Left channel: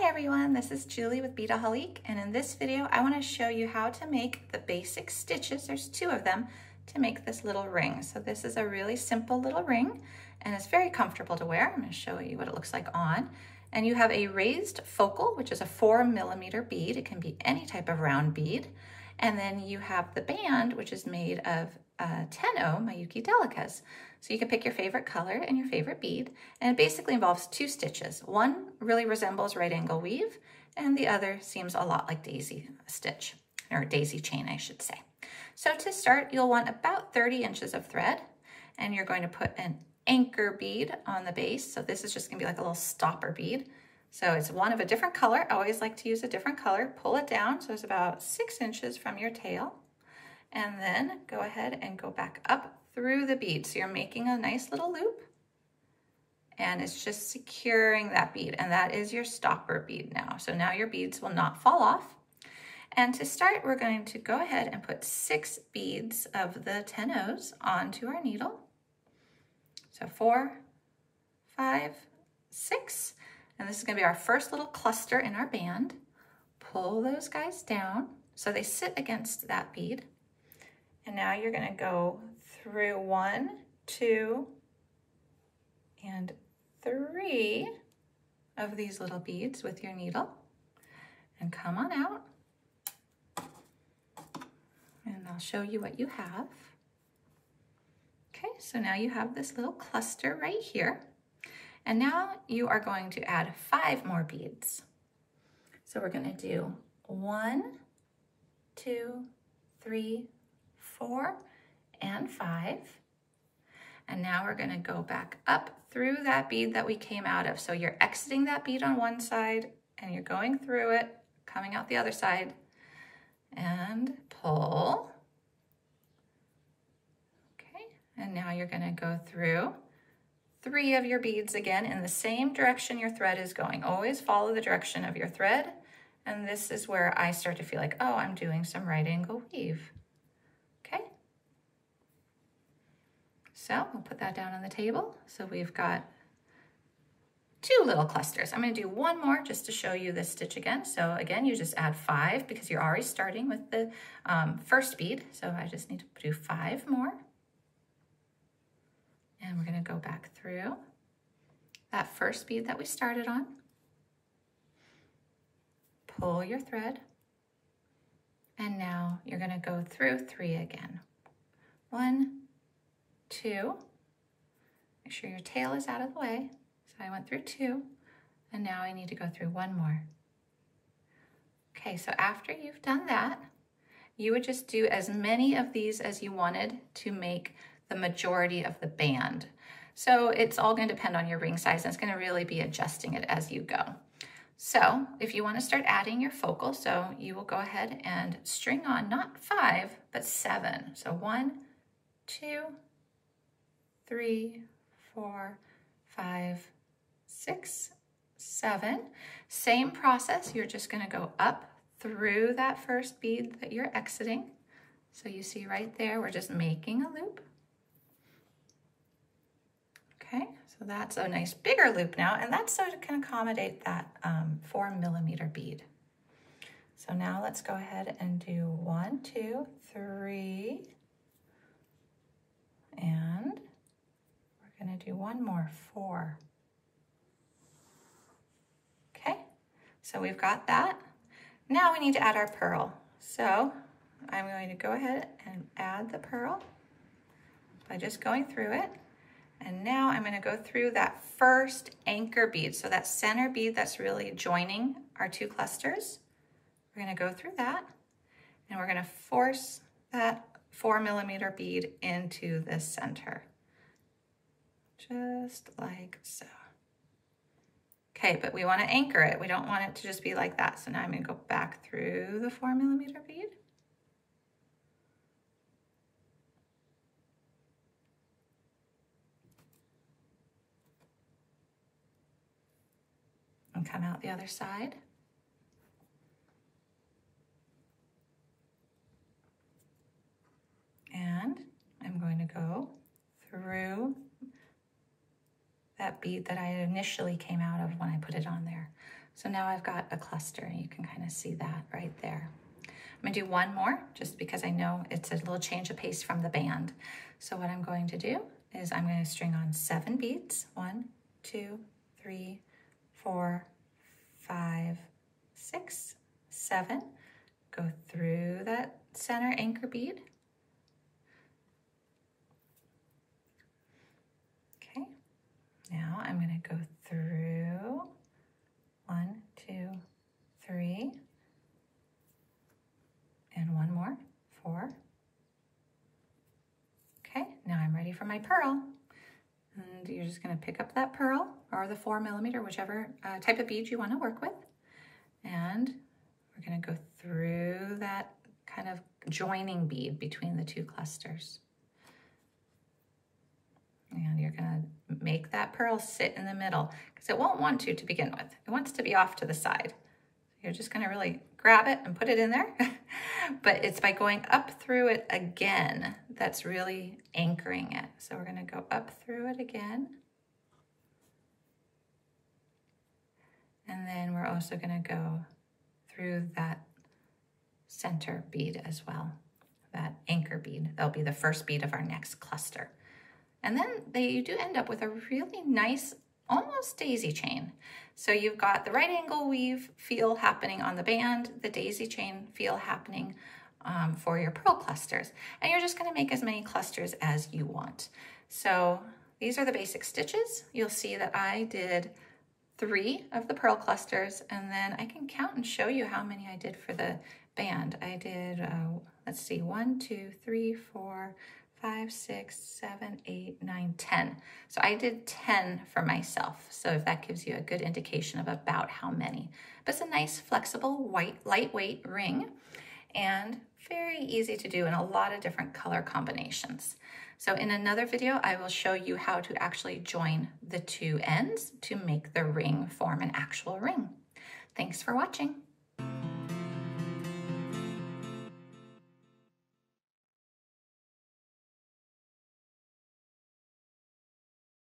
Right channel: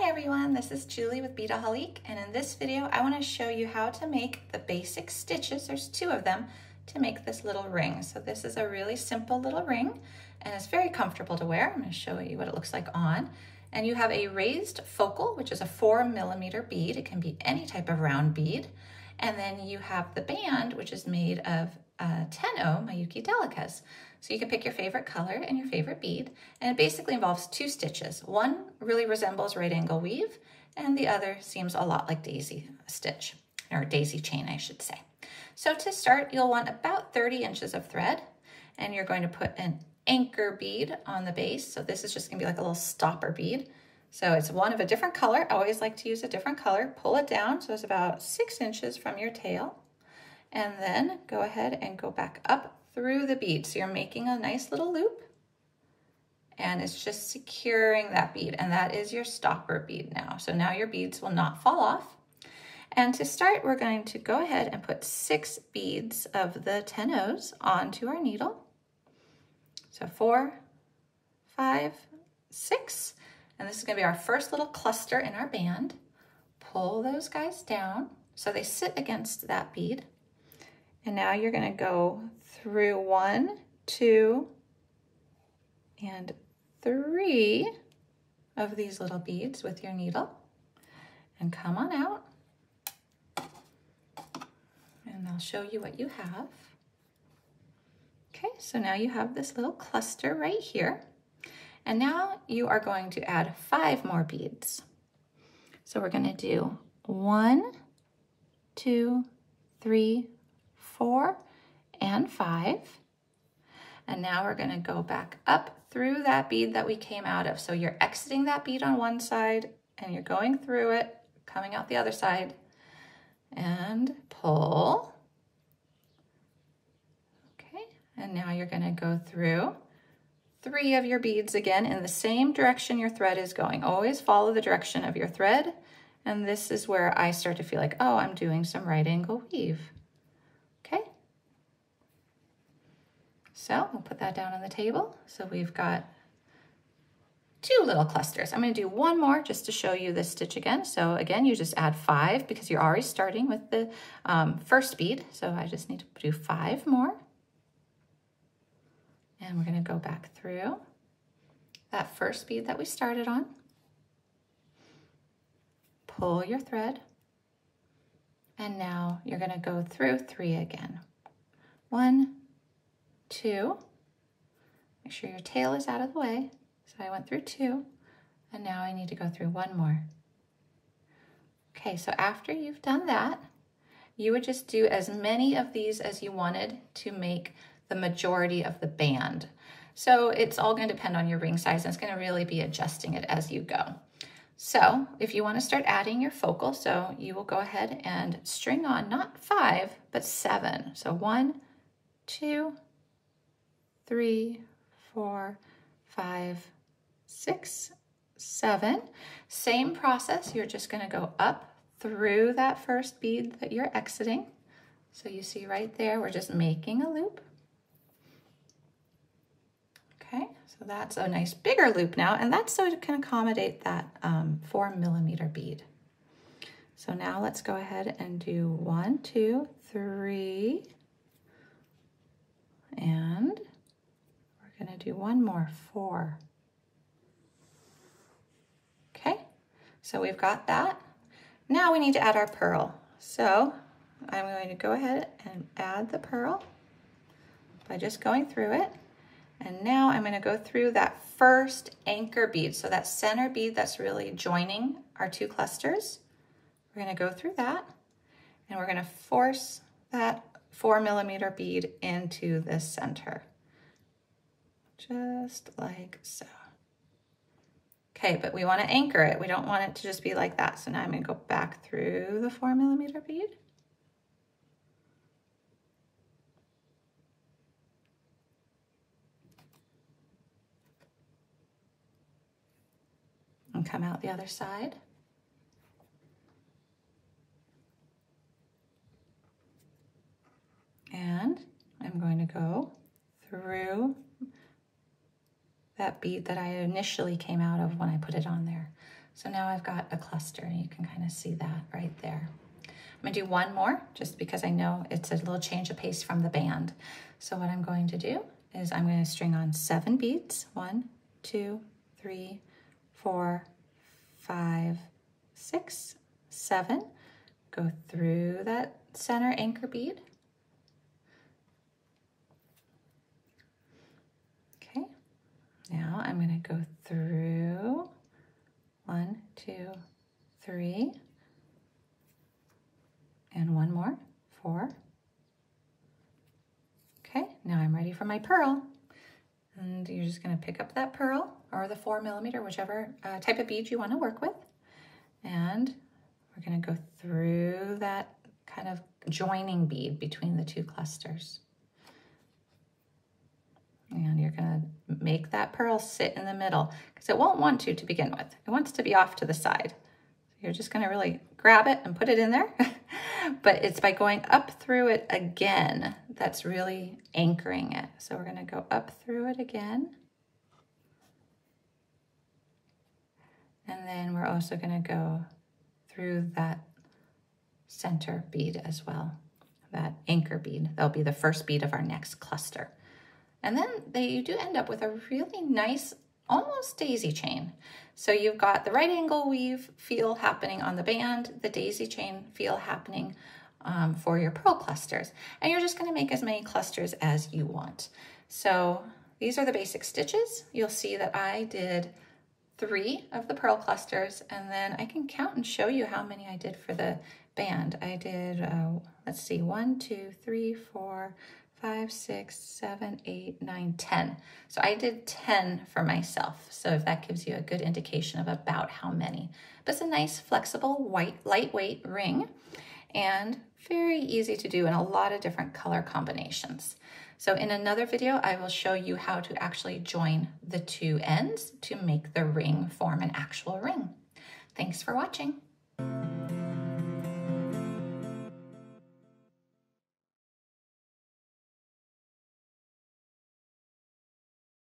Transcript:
Hi everyone, this is Julie with Beadaholique, and in this video I want to show you how to make the basic stitches, there's 2 of them, to make this little ring. So this is a really simple little ring and it's very comfortable to wear. I'm going to show you what it looks like on. And you have a raised focal, which is a 4mm bead. It can be any type of round bead. And then you have the band, which is made of 10-0 Miyuki Delicas. So you can pick your favorite color and your favorite bead, and it basically involves 2 stitches. One really resembles right angle weave, and the other seems a lot like daisy stitch, or daisy chain, I should say. So to start, you'll want about 30 inches of thread, and you're going to put an anchor bead on the base. So this is just gonna be like a little stopper bead. So it's one of a different color. I always like to use a different color. Pull it down, so it's about 6 inches from your tail. And then go ahead and go back up through the bead. So you're making a nice little loop, and it's just securing that bead. And that is your stopper bead now. So now your beads will not fall off. And to start, we're going to go ahead and put 6 beads of the 10-0s onto our needle. So 4, 5, 6. And this is gonna be our first little cluster in our band. Pull those guys down so they sit against that bead. And now you're gonna go through 1, 2, and 3 of these little beads with your needle and come on out. And I'll show you what you have. Okay, so now you have this little cluster right here. And now you are going to add 5 more beads. So we're gonna do 1, 2, 3, 4, and 5. And now we're gonna go back up through that bead that we came out of. So you're exiting that bead on one side and you're going through it, coming out the other side, and pull. Okay, and now you're gonna go through 3 of your beads again in the same direction your thread is going. Always follow the direction of your thread. And this is where I start to feel like, oh, I'm doing some right angle weave. Okay. So we'll put that down on the table. So we've got 2 little clusters. I'm going to do 1 more just to show you this stitch again. So again, you just add 5 because you're already starting with the first bead. So I just need to do 5 more. And we're going to go back through that first bead that we started on. Pull your thread. And now you're going to go through 3 again. 1, 2. Make sure your tail is out of the way. So I went through 2, and now I need to go through 1 more. Okay, so after you've done that, you would just do as many of these as you wanted to make the majority of the band. So it's all going to depend on your ring size, and it's going to really be adjusting it as you go. So if you want to start adding your focal, so you will go ahead and string on not 5, but 7. So 1, 2, 3, 4, 5, 6, 7. Same process, you're just going to go up through that first bead that you're exiting. So you see right there, we're just making a loop. Okay, so that's a nice bigger loop now, and that's so it can accommodate that 4mm bead. So now let's go ahead and do 1, 2, 3, and we're gonna do 1 more, 4. Okay, so we've got that. Now we need to add our pearl. So I'm going to go ahead and add the pearl by just going through it. And now I'm going to go through that first anchor bead. So that center bead that's really joining our 2 clusters. We're going to go through that, and we're going to force that 4mm bead into the center. Just like so. Okay, but we want to anchor it. We don't want it to just be like that. So now I'm going to go back through the 4mm bead. And come out the other side. And I'm going to go through that bead that I initially came out of when I put it on there. So now I've got a cluster, and you can kind of see that right there. I'm gonna do one more just because I know it's a little change of pace from the band. So what I'm going to do is I'm going to string on 7 beads. 1, 2, 3, 4, 5, 6, 7. Go through that center anchor bead. Okay, now I'm going to go through 1, 2, 3, and one more, 4. Okay, now I'm ready for my pearl. And you're just going to pick up that pearl or the 4mm, whichever type of bead you want to work with. And we're going to go through that kind of joining bead between the 2 clusters. And you're going to make that pearl sit in the middle because it won't want to begin with. It wants to be off to the side. You're just going to really grab it and put it in there. But it's by going up through it again that's really anchoring it. So we're going to go up through it again. And then we're also going to go through that center bead as well, that anchor bead. That'll be the first bead of our next cluster. And then you do end up with a really nice, almost daisy chain. So you've got the right angle weave feel happening on the band, the daisy chain feel happening for your pearl clusters. And you're just going to make as many clusters as you want. So these are the basic stitches. You'll see that I did 3 of the pearl clusters, and then I can count and show you how many I did for the band. I did, let's see, 1, 2, 3, 4, 5, 6, 7, 8, 9, 10. So I did 10 for myself. So if that gives you a good indication of about how many. But it's a nice, flexible, lightweight ring, and very easy to do in a lot of different color combinations. So in another video, I will show you how to actually join the 2 ends to make the ring form an actual ring. Thanks for watching.